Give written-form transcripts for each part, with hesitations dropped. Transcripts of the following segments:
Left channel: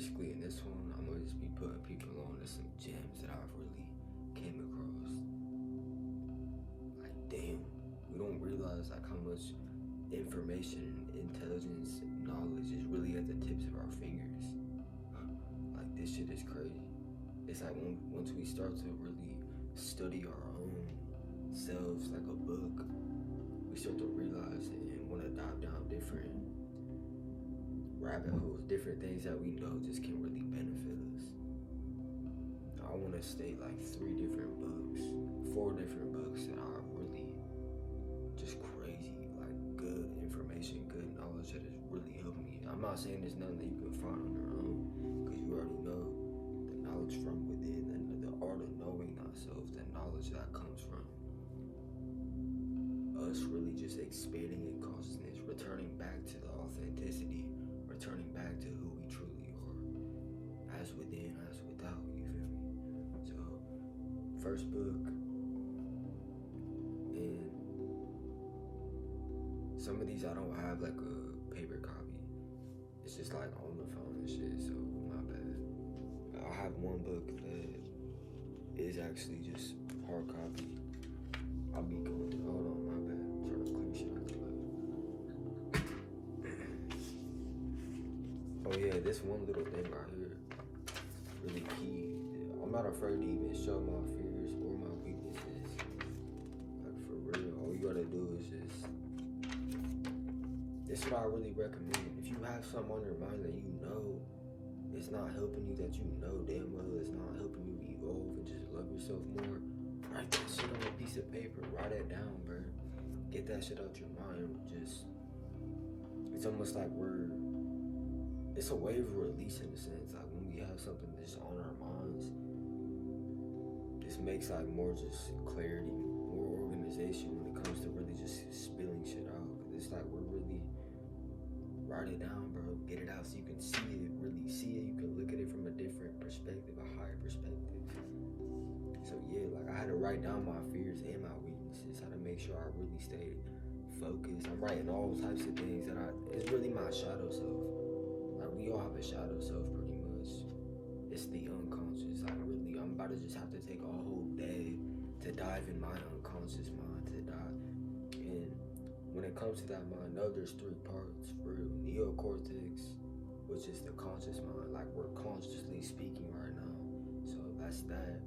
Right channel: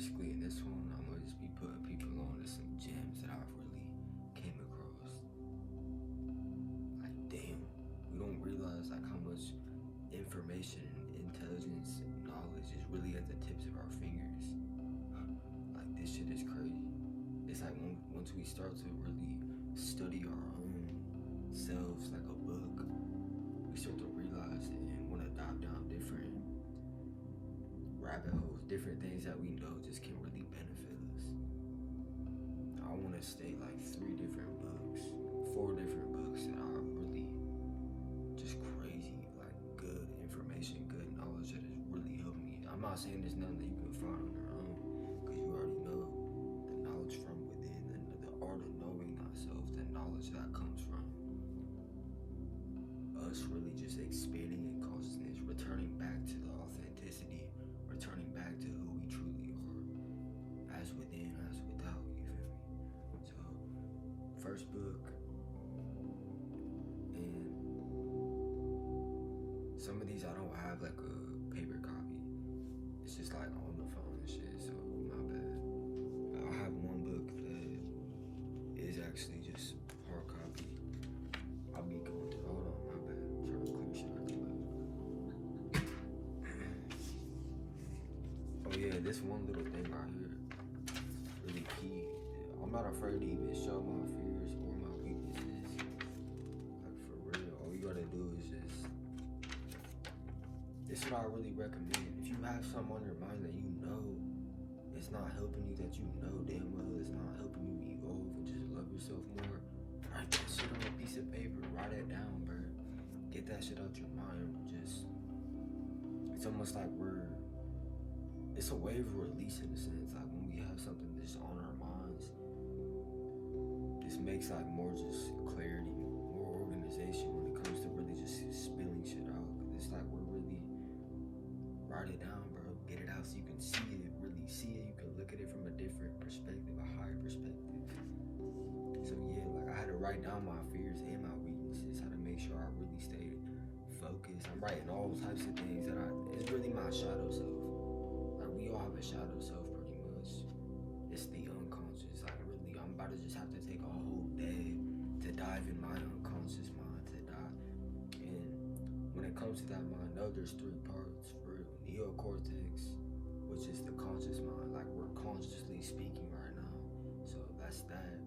basically in this one, I'm gonna just be putting people on to some gems that I've really came across. Like, damn, we don't realize like how much information, intelligence, knowledge is really at the tips of our fingers. Like, this shit is crazy. It's like once we start to really study our own selves like a book, we start to realize and want to dive down different rabbit holes, different things that we know just can really benefit us. I want to state like 4 different books that are really just crazy, like good information, good knowledge that has really helped me. I'm not saying there's nothing that you can find on your own, because you already know the knowledge from within, and the art of knowing ourselves, the knowledge that comes from us really just expanding in consciousness, returning back to the authenticity, returning back to who we truly are, as within, as without, you feel me? So, first book, and some of these I don't have like a paper copy. It's just like on the phone and shit, so not bad. I have one book that is actually just hard copy. I'll be going to, hold on, my bad. Trying to clear shit out. Oh yeah, this one little thing right here, really key. I'm not afraid to even show my fears or my weaknesses. Like, for real, all you gotta do is just, this is what I really recommend. If you have something on your mind that you know it's not helping you, that you know damn well it's not helping you evolve and just love yourself more, write that shit on a piece of paper. Write it down, bro. Get that shit out your mind. Just, it's almost like it's a way of release in a sense. Like, when we have something just on our minds, this makes like more just clarity, more organization when it comes to really just spilling shit out. It's like we're really, write it down, bro. Get it out so you can see it, really see it. You can look at it from a different perspective, a higher perspective. So yeah, like, I had to write down my fears and my weaknesses, how to make sure I really stayed focused. I'm writing all types of things that it's really my shadow self. Like, we all have a shadow self pretty much. It's the unconscious. Like, really, I'm about to just have to take a whole day to dive in my unconscious mind, to dive. And when it comes to that mind, know there's 3 parts, for real. Neocortex, which is the conscious mind, like we're consciously speaking right now. So that's that.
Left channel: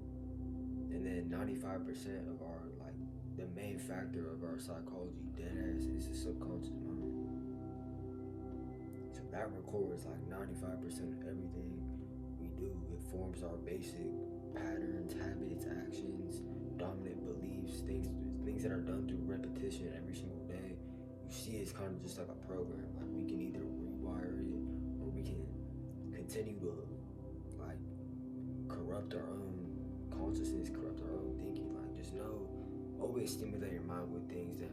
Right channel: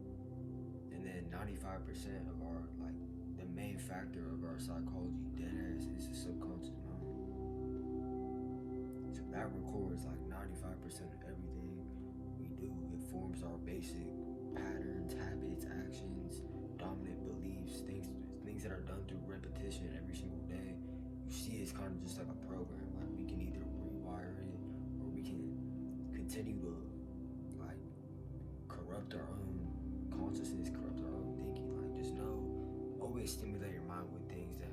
And then 95% of our, like, the main factor of our psychology, deadass, is the subconscious mind. So that records like 95% of everything we do. It forms our basic patterns, habits, actions, dominant beliefs, things that are done through repetition every single day. You see, it's kind of just like a program. Like, we can either rewire it, or we can continue to like corrupt our own consciousness, corrupt our own thinking. Like, just know, always stimulate your mind with things that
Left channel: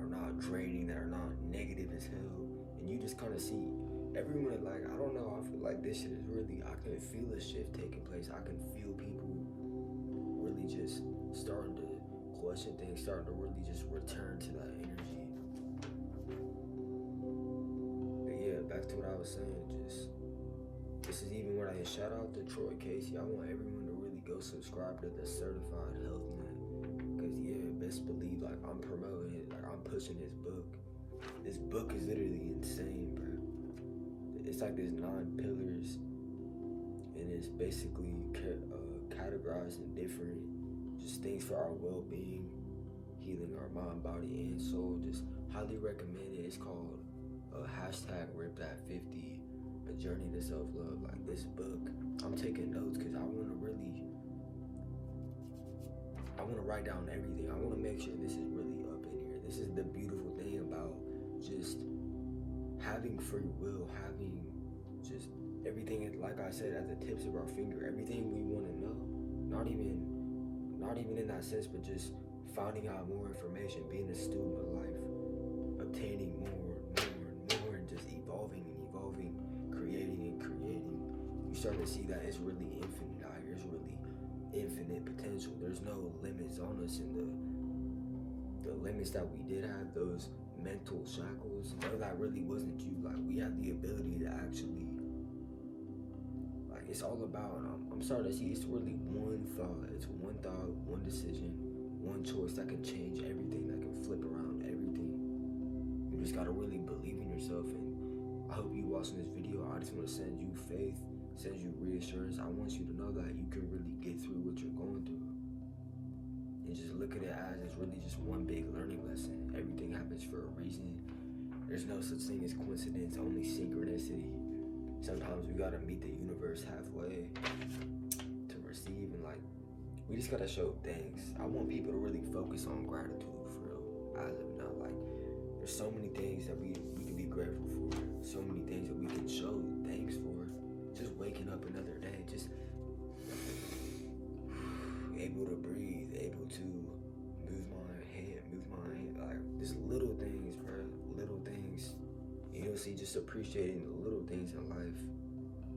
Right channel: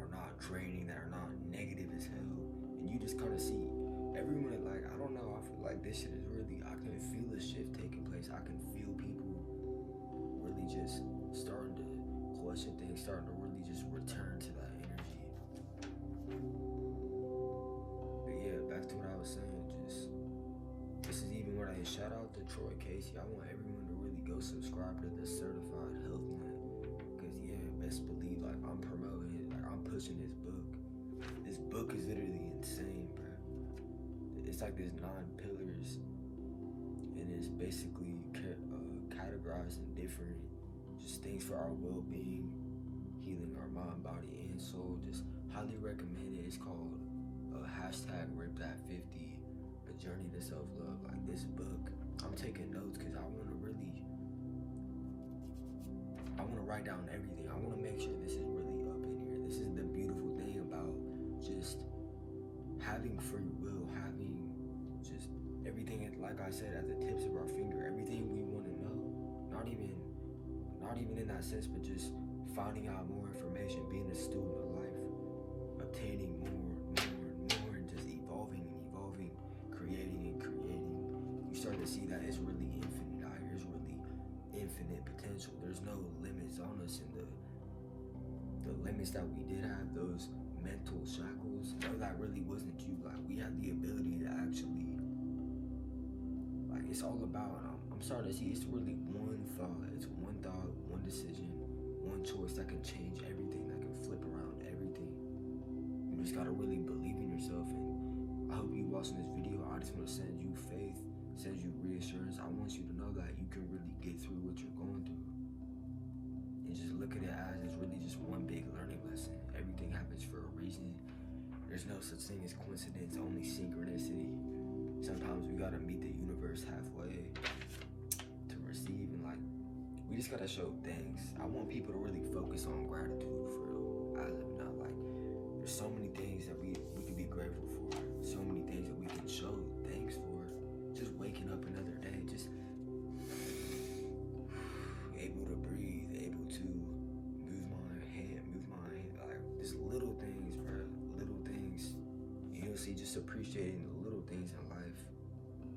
are not draining, that are not negative as hell. And you just kind of see everyone, like, I don't know, I feel like this shit is really, I can feel a shift taking place. I can feel people really just starting to question things, starting to really just return to that energy. But yeah, back to what I was saying, just, this is even when I shout out to Troy Casey. I want everyone to really go subscribe to the Certified Health Nut. Because yeah, best believe, like, I'm promoting it, like, I'm pushing this book. This book is literally insane, bro. It's like there's 9 pillars, and it's basically categorized in different just things for our well-being, healing our mind, body, and soul. Just highly recommend it. It's called #RipThat50, A Journey to Self-Love. Like, this book, I'm taking notes because I want to write down everything. I want to make sure this is really up in here. This is the beautiful thing about just having free will, having just everything, like I said, at the tips of our finger. Everything we want to know, not even in that sense, but just finding out more information, being a student of life, obtaining more, and just evolving, creating. You start to see that it's really infinite out here. It's really infinite potential. There's no limits on us, and the limits that we did have, those mental shackles, no, that really wasn't you. Like, we have the ability to actually it's all about, I'm starting to see it's really one thought. It's one thought, one decision, one choice that can change everything, that can flip around everything. You just gotta really believe in yourself. And I hope you watching this video, I just want to send you faith, send you reassurance. I want you to know that you can really get through what you're going through. And just look at it as it's really just one big learning lesson. Everything happens for a reason. There's no such thing as coincidence, only synchronicity. Sometimes we gotta meet the universe halfway to receive, and like, we just gotta show thanks. I want people to really focus on gratitude for real, as of now. Like, there's so many things that we can be grateful for, so many things that we can show thanks for. Just waking up another day, just able to breathe, able to move my hand, like, just little things, bro, little things. You know, see, just appreciating the little things in life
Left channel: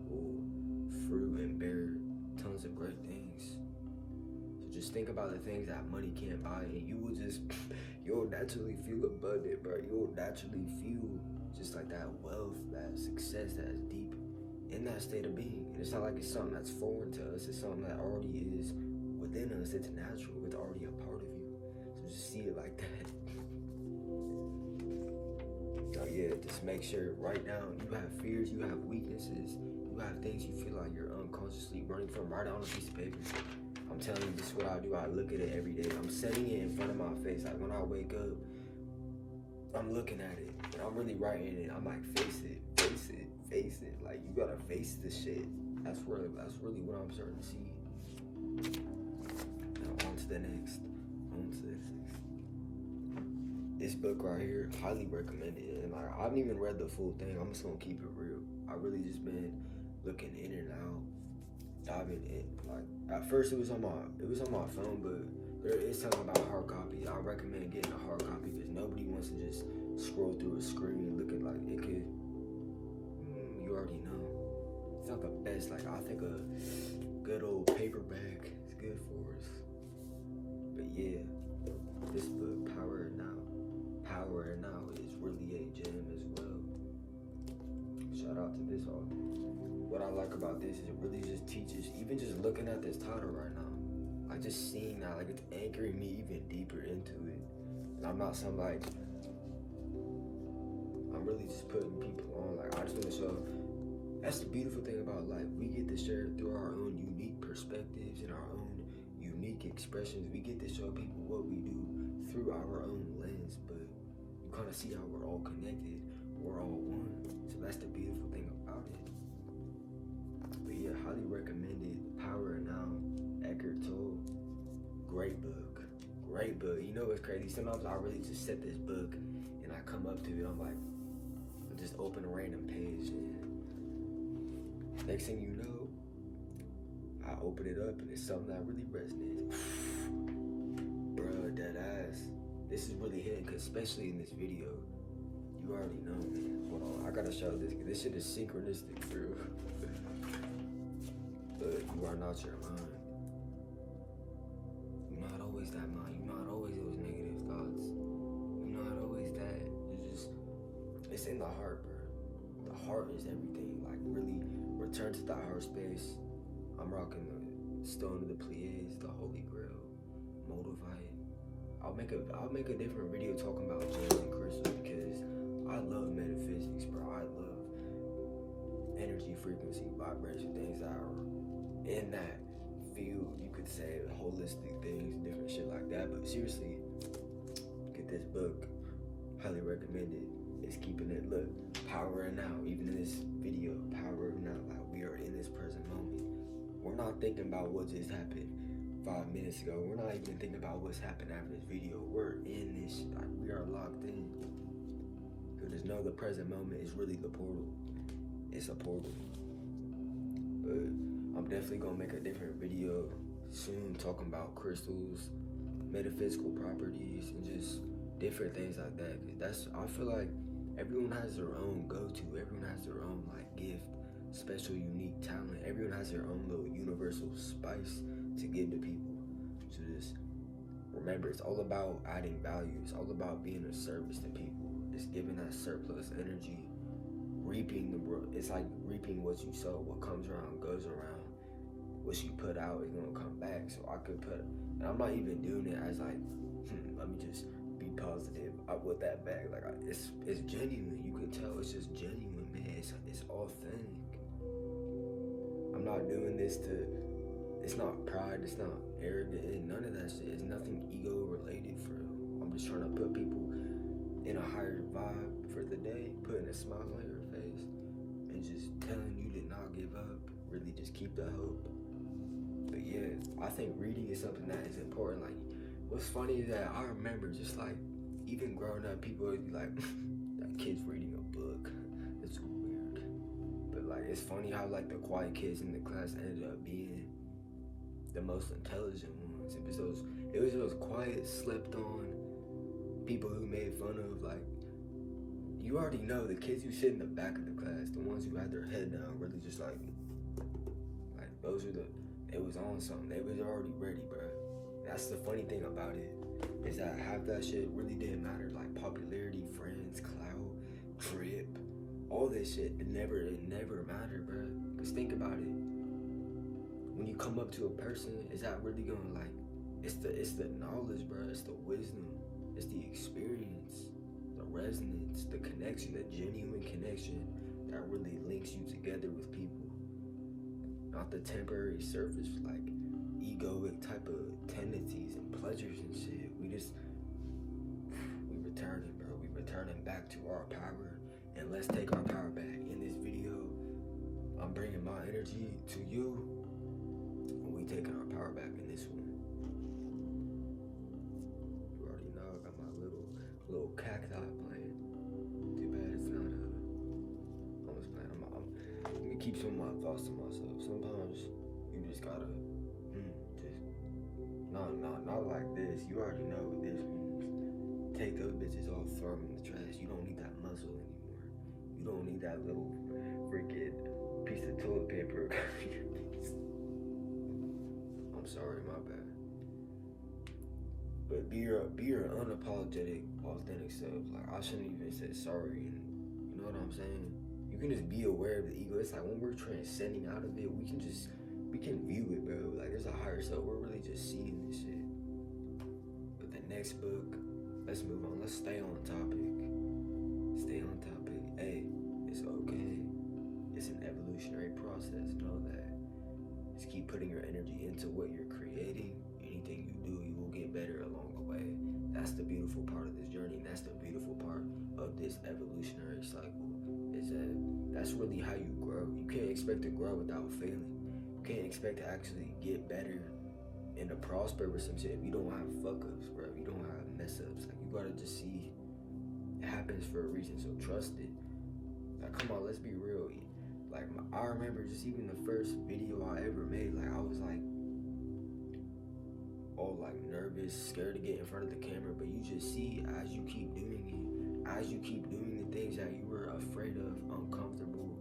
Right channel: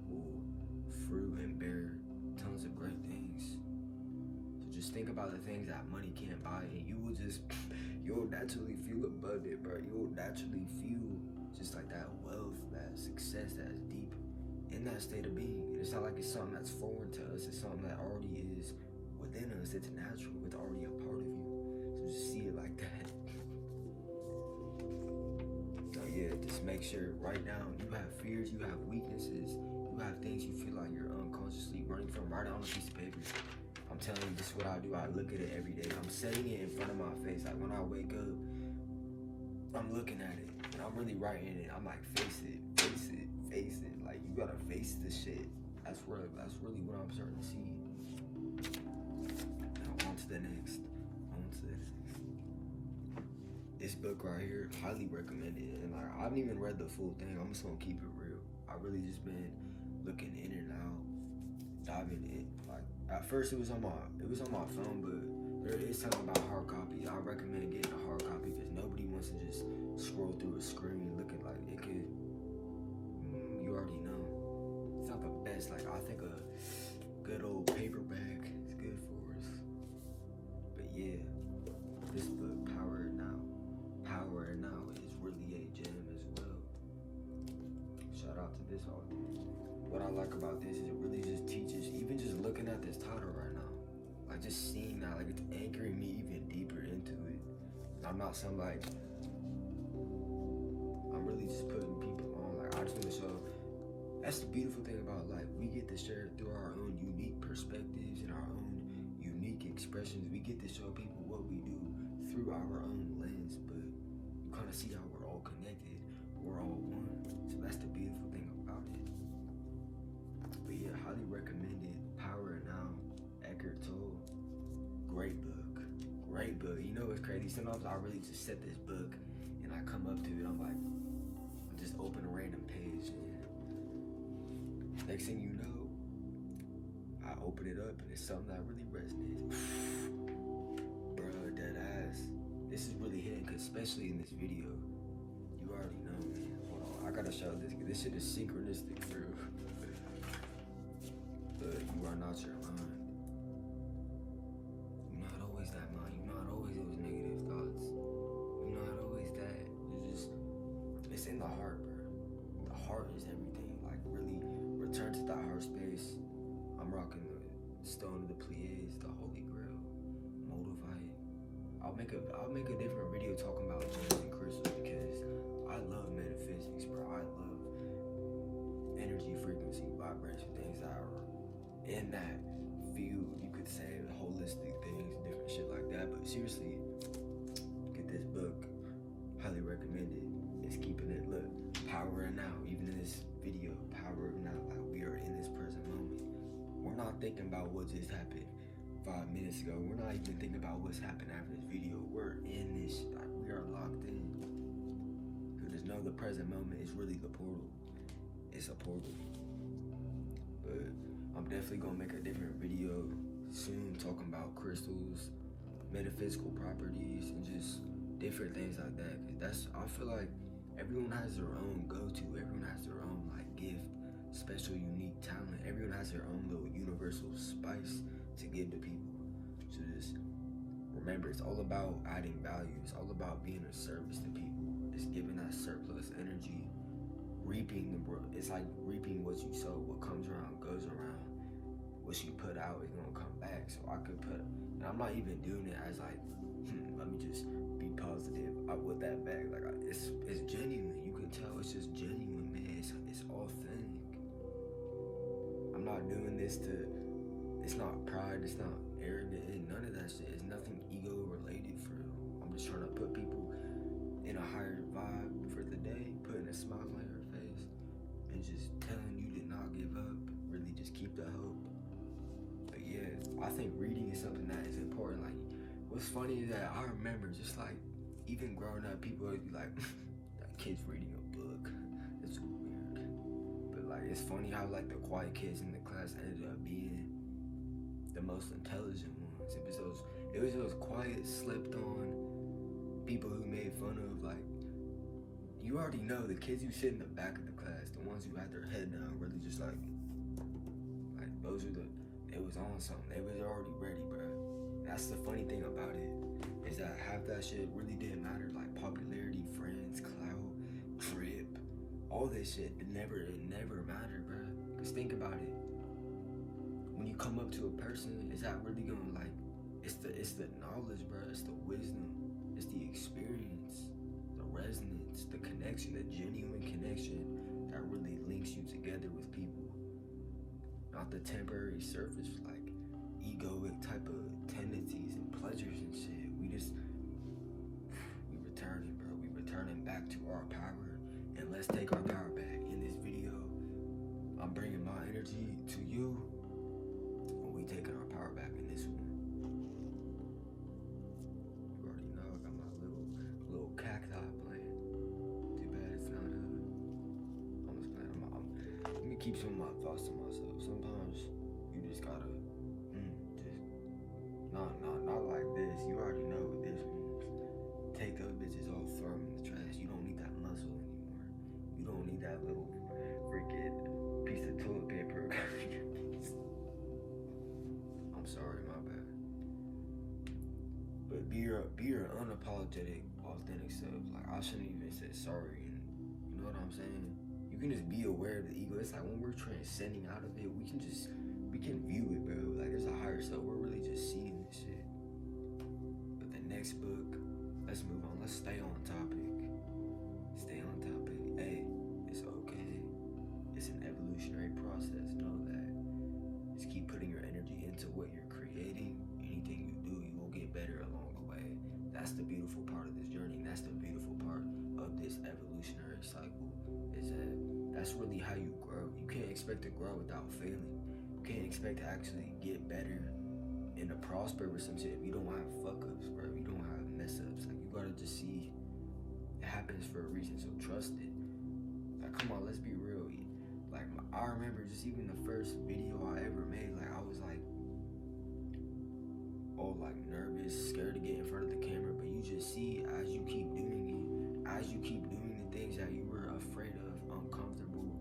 will fruit and bear tons of great things. So just think about the things that money can't buy, and you'll naturally feel abundant, bro. You'll naturally feel just like that wealth, that success that's deep in that state of being. And it's not like it's something that's foreign to us. It's something that already is within us. It's natural. It's already a part of you. So just see it like that. So yeah, just make sure right now you have fears, you have weaknesses, you have things you feel like you're unconsciously running from. Write it on a piece of paper. I'm telling you, this is what I do. I look at it every day. I'm setting it in front of my face. Like, when I wake up, I'm looking at it, and I'm really writing it. I'm like, face it, face it, face it. Like, you gotta face this shit. That's really what I'm starting to see. Now on to the next. This book right here, highly recommended. And like, I haven't even read the full thing. I'm just gonna keep it real. I really just been looking in and out, diving in. Like, at first it was on my phone, but there is something about hard copy. I recommend getting a hard copy because nobody wants to just scroll through a screen looking like it could. You already know. It's not the best. Like, I think a good old paperback is good for us. But yeah, this book, Power and Now is really a gem as well. Shout out to this author. What I like about this is it really just teaches, even just looking at this title right now, like, just seeing that, like, it's anchoring me even deeper into it. And I'm not some, like, I'm really just putting people on. Like, I just want to show, that's the beautiful thing about life. We get to share through our own unique perspectives and our own unique expressions. We get to show people what we do through our own lens, but you kind of see how we're all connected. We're all one. So that's the beautiful thing about it. But yeah, highly recommended. Power and Now, Ehkart Tolle. Great book. You know what's crazy? Sometimes I really just set this book and I come up to it. I'm like, I just open a random page, and next thing you know, I open it up and it's something that really resonates. Bruh, that ass. This is really hitting, cause especially in this video, you already know, man. Hold on, I gotta show this, cause this shit is synchronistic too. But you are not your mind. You're not always that mind. You're not always those negative thoughts. You're not always that. It's in the heart, bro. The heart is everything. Like, really return to that heart space. I'm rocking the Stone of the Pleiades, the Holy Grail, Moldavite. I'll make a different video talking about gems and crystals, because I love metaphysics, bro. I love energy, frequency, vibration, things that are in that field. You could say holistic things, different shit like that. But seriously, get this book. Highly recommended. It's keeping it, look, power and now. Even in this video, power and now. Like, we are in this present moment. We're not thinking about what just happened 5 minutes ago. We're not even thinking about what's happened after this video. We're in this, like, we are locked in. Because there's no, the present moment is really the portal. It's a portal. But I'm definitely gonna make a different video soon talking about crystals, metaphysical properties, and just different things like that. Cause that's, I feel like everyone has their own go-to. Everyone has their own, like, gift, special, unique talent. Everyone has their own little universal spice to give to people. So just remember, it's all about adding value. It's all about being of service to people. It's giving that surplus energy it's like reaping what you sow. What comes around goes around. What you put out is gonna come back. So I could and I'm not even doing it as like, let me just be positive with that bag. Like it's genuine. You can tell it's just genuine, man. It's authentic. I'm not doing this it's not pride, it's not arrogant, and none of that shit. It's nothing ego related for real. I'm just trying to put people in a higher vibe for the day, putting a smile on your face, and just telling you to not give up. Really just keep the hope. But yeah, I think reading is something that is important. Like, what's funny is that I remember just like, even growing up, people would be like, that kid's reading a book. It's weird. But like, it's funny how like the quiet kids in the class ended up being the most intelligent ones. It was those quiet, slept on people who made fun of. Like, you already know the kids who sit in the back of the class, the ones who had their head down, really just like those are it was on something. They was already ready, bro. That's the funny thing about it, is that half that shit really didn't matter. Like popularity, friends, clout, drip, all this shit, it never mattered, bro. Cause think about it. When you come up to a person, is that really gonna like? It's the knowledge, bro. It's the wisdom. It's the experience, the resonance, the connection, the genuine connection that really links you together with people. Not the temporary surface, like egoic type of tendencies and pleasures and shit. We returning, bro. We returning back to our power, and let's take our power back. In this video, I'm bringing my energy to you, and we taking our power back in this one. You already know I got my little cacti playing. Too bad it's not almost playing. Let me keep some of my thoughts to myself. Sometimes you just gotta not like this. You already know what this means. Take those bitches all, throw them in the trash. You don't need that muscle anymore. You don't need that little freaking piece of toilet paper. I'm sorry, my bad. But be your unapologetic, authentic self. Like, I shouldn't even say sorry. And you know what I'm saying? You can just be aware of the ego. It's like when we're transcending out of it, we can view it, bro. Like, there's a higher self. We're really just seeing this shit. But the next book, let's move on. Let's stay on topic. Stay on topic. Hey, it's okay. It's an evolutionary process. Know that. Just keep putting your energy into what you're creating. Anything you do, you will get better along the way. That's the beautiful part of this journey. That's the beautiful part of this evolutionary cycle. Is that that's really how you grow. You can't expect to grow without failing. You can't expect to actually get better and to prosper with some shit if you don't have fuck-ups, bro. If you don't have mess-ups. Like, you gotta just see it happens for a reason, so trust it. Like, come on, let's be real. Like, I remember just even the first video I ever made, like, I was like all like nervous, scared to get in front of the camera, but you just see as you keep doing it, as you keep doing the things that you were afraid of, uncomfortable,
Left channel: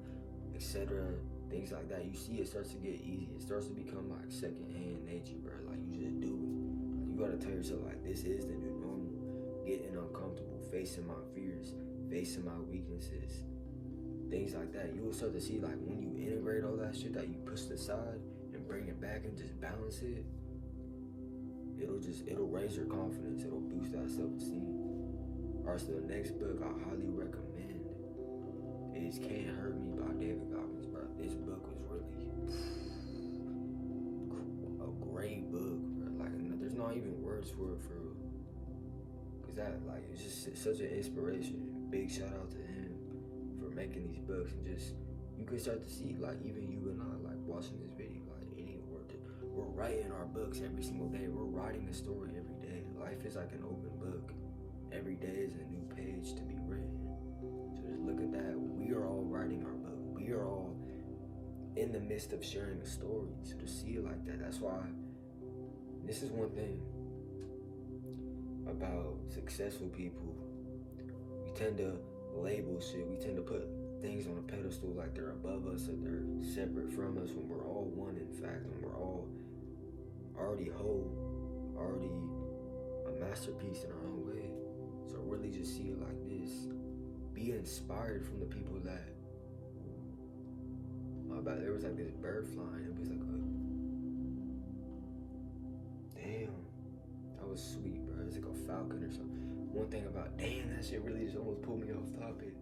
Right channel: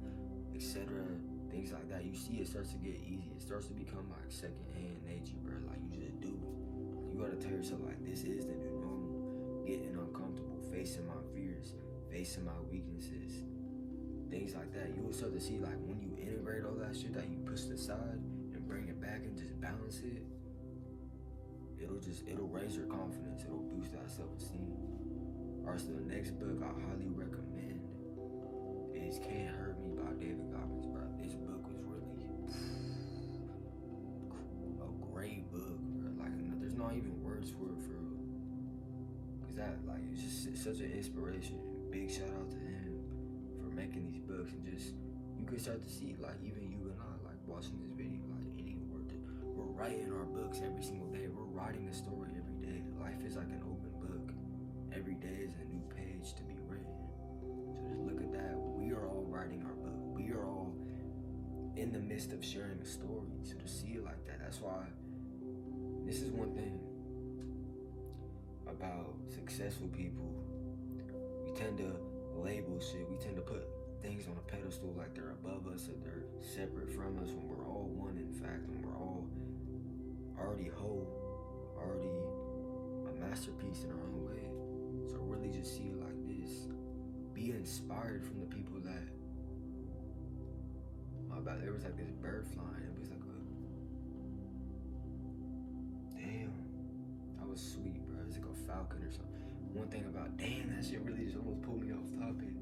etc., things like that, you see it starts to get easy. It starts to become like secondhand nature, bro. Like, you just do it. Like, you gotta tell yourself, like, this is the new normal. Getting uncomfortable, facing my fears, facing my weaknesses, things like that. You will start to see, like, when you integrate all that shit that you pushed aside and bring it back and just balance it, it'll raise your confidence. It'll boost that self-esteem. Alright, so the next book I highly recommend is Can't Hurt Me by David Goggins, bro. This book was really a great book, bro. Like, there's not even words for it, for real. Cause that, like, it's just such an inspiration. Big shout out to him for making these books, and just, you can start to see, like, even you and I, like, watching this video, like, we're writing our books every single day. We're writing the story every day. Life is like an open book. Every day is a new page to be written. So just look at that. We are all writing our book. We are all in the midst of sharing a story. So to see it like that, that's why this is one thing about successful people. We tend to label shit. We tend to put things on a pedestal like they're above us, or they're separate from us, when we're all one, in fact, when we're all already whole, already a masterpiece in our own way. So really just see it like this. Be inspired from the people that my bad. There was like this bird flying. It was like a damn. That was sweet, bro. It's like a falcon or something. One thing about damn, that shit really just almost pulled me off topic.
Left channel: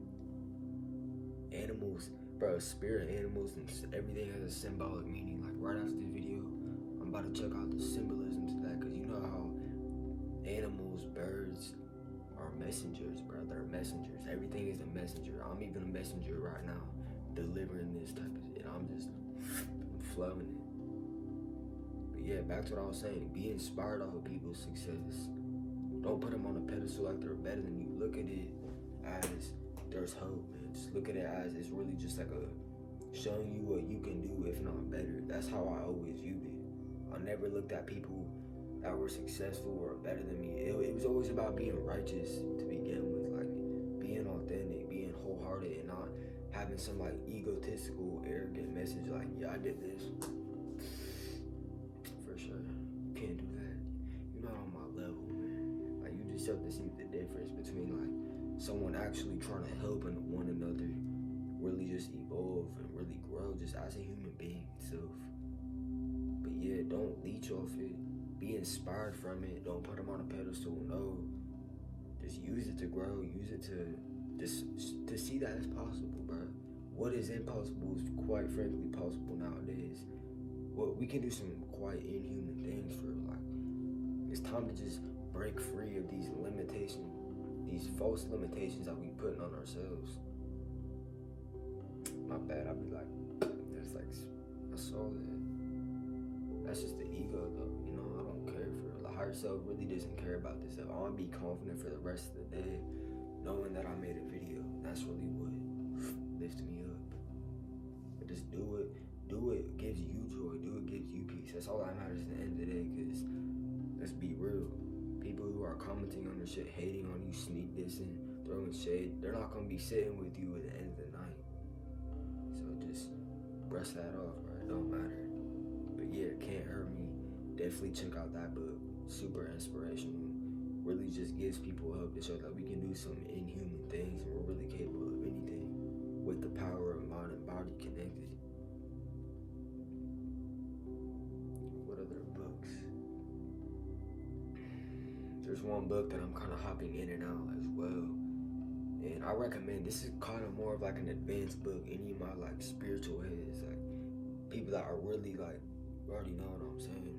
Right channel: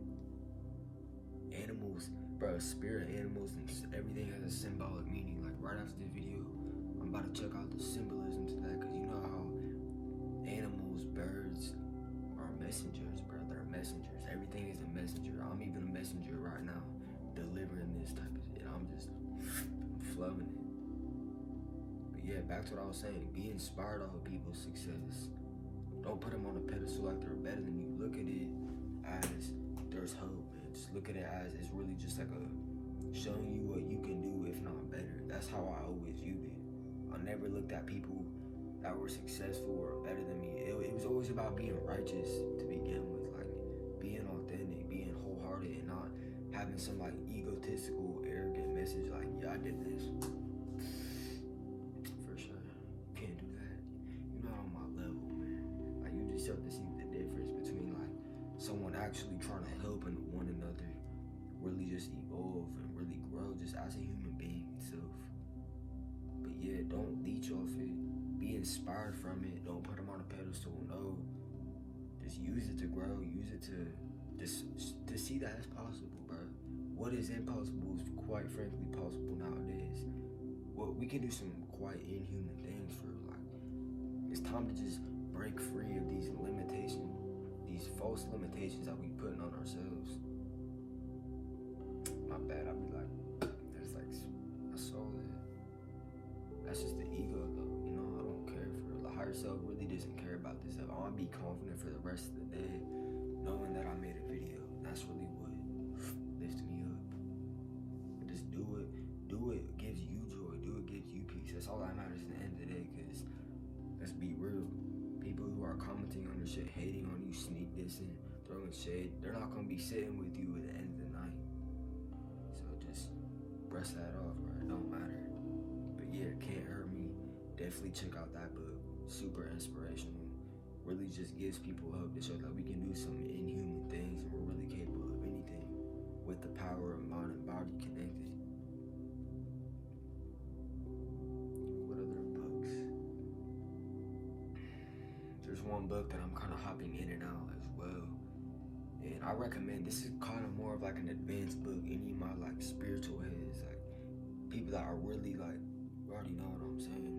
Animals, bro. Spirit animals and everything has a symbolic meaning. Like right after this video, I'm about to check out the symbolism to that. Cause you know how animals, birds are messengers, bro. They're messengers. Everything is a messenger. I'm even a messenger right now, delivering this type of shit. I'm flowing it. But yeah, back to what I was saying. Be inspired off of people's success. Don't put them on a pedestal like they're better than you. Look at it as there's hope, man. Just look at it as it's really just like a showing you what you can do, if not better. That's how I always viewed it. I never looked at people that were successful or better than me. It was always about being righteous to begin with, like being authentic, being wholehearted, and not having some like egotistical, arrogant message like, yeah, I did this. For sure. Can't do that. You're not on my level, man. Like you just have to see the difference between like someone actually trying to help one another really just evolve and really grow just as a human being itself. But yeah, don't leech off it. Be inspired from it. Don't put them on a pedestal. No, just use it to grow. Use it to see that it's possible, bro. What is impossible is quite frankly possible nowadays. Well, we can do some quite inhuman things for like. It's time to just break free of these limitations, these false limitations that we put on ourselves. My bad. I'll be like, that's like, I saw that. That's just the ego, though. You know, I don't care for the higher self. Really doesn't care about this stuff. I want to be confident for the rest of the day, knowing that I made a video. That's really what lifts me up. But just do it. Do it gives you joy. Do it gives you peace. That's all that matters at the end of the day. Cause let's be real. People who are commenting on your shit, hating on you, sneak dissing, throwing shade, they're not gonna be sitting with you at the end of the night. So just brush that off, bro. It don't matter. But yeah, Can't Hurt Me. Definitely check out that book. Super inspirational. Really just gives people hope to show that we can do some inhuman things and we're really capable of anything with the power of mind and body connected. What other books? There's one book that I'm kind of hopping in and out as well. And I recommend, this is kind of more of like an advanced book. Any of my like spiritual heads, like people that are really like, you already know what I'm saying,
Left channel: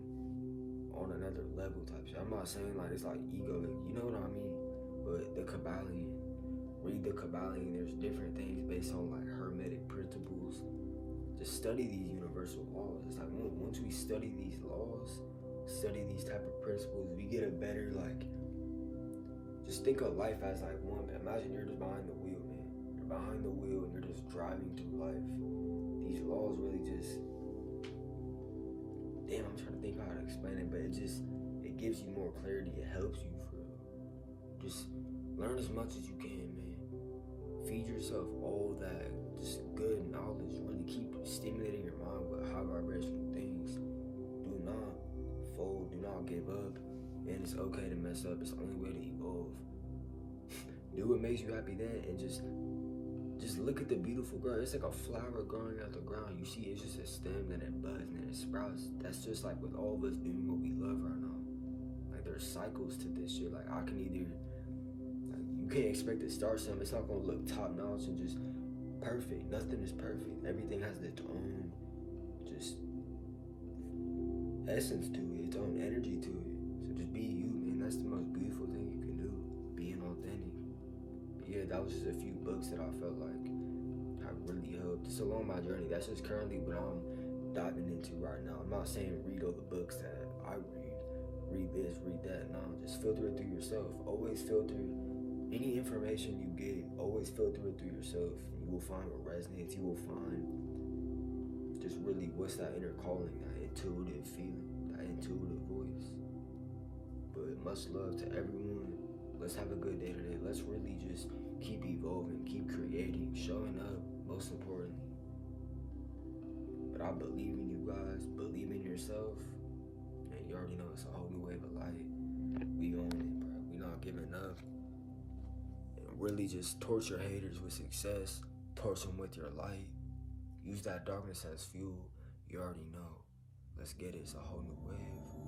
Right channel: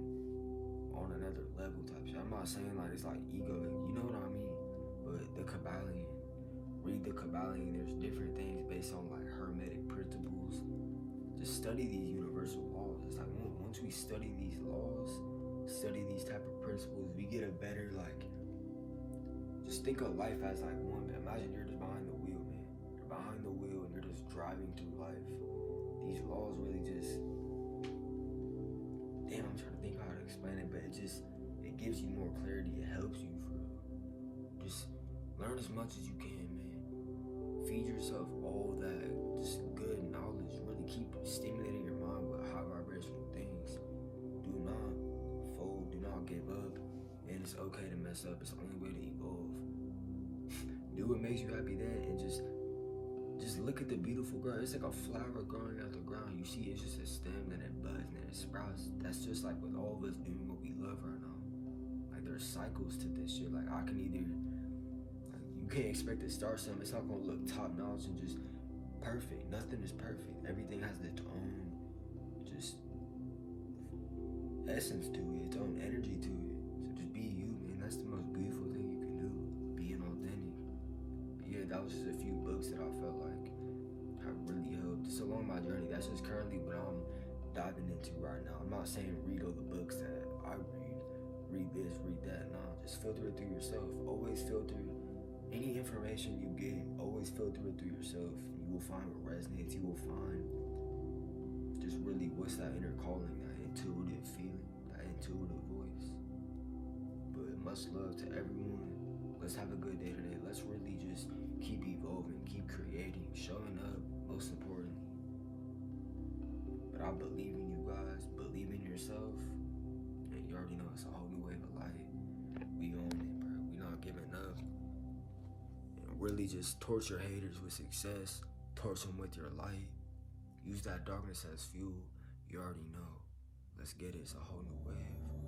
on another level type shit. I'm not saying like it's like ego, you know what I mean? But the Kabbalion, read the Kabbalion. There's different things based on like hermetic principles. Just study these universal laws. It's like once we study these laws, study these type of principles, we get a better like, just think of life as like one. Imagine you're just behind the wheel, man. You're behind the wheel and you're just driving through life. These laws really just, damn, I'm trying to think how to explain it, but it gives you more clarity. It helps you for real. Just learn as much as you can, man. Feed yourself all that just good knowledge. Really keep stimulating your mind with high vibrational things. Do not fold. Do not give up. And it's okay to mess up. It's the only way to evolve. Do what makes you happy then, and just look at the beautiful ground. It's like a flower growing out the ground. You see, it's just a stem, then it buds, and then it sprouts. That's just like with all of us doing what we love right now. Like there's cycles to this shit. Like I can either, like, you can't expect to start something. It's not gonna look top notch and just perfect. Nothing is perfect. Everything has its own just essence to it, its own energy to it. So just be you, man. That's the most beautiful thing you can do. Being authentic. Yeah, that was just a few books that I felt like have really helped. It's along my journey. That's just currently what I'm diving into right now. I'm not saying read all the books that I read this, read that. No, just filter it through yourself. Always filter any information you get. Always filter it through yourself. You will find what resonates. You will find just really what's that inner calling, that intuitive feeling, that intuitive voice. But much love to everyone. Let's have a good day today. Let's really just keep evolving, keep creating, showing up, most importantly. But I believe in you guys, believe in yourself, and you already know it's a whole new wave of light. We own it, bro. We not giving up. And really just torture haters with success, torch them with your light. Use that darkness as fuel. You already know. Let's get it. It's a whole new wave.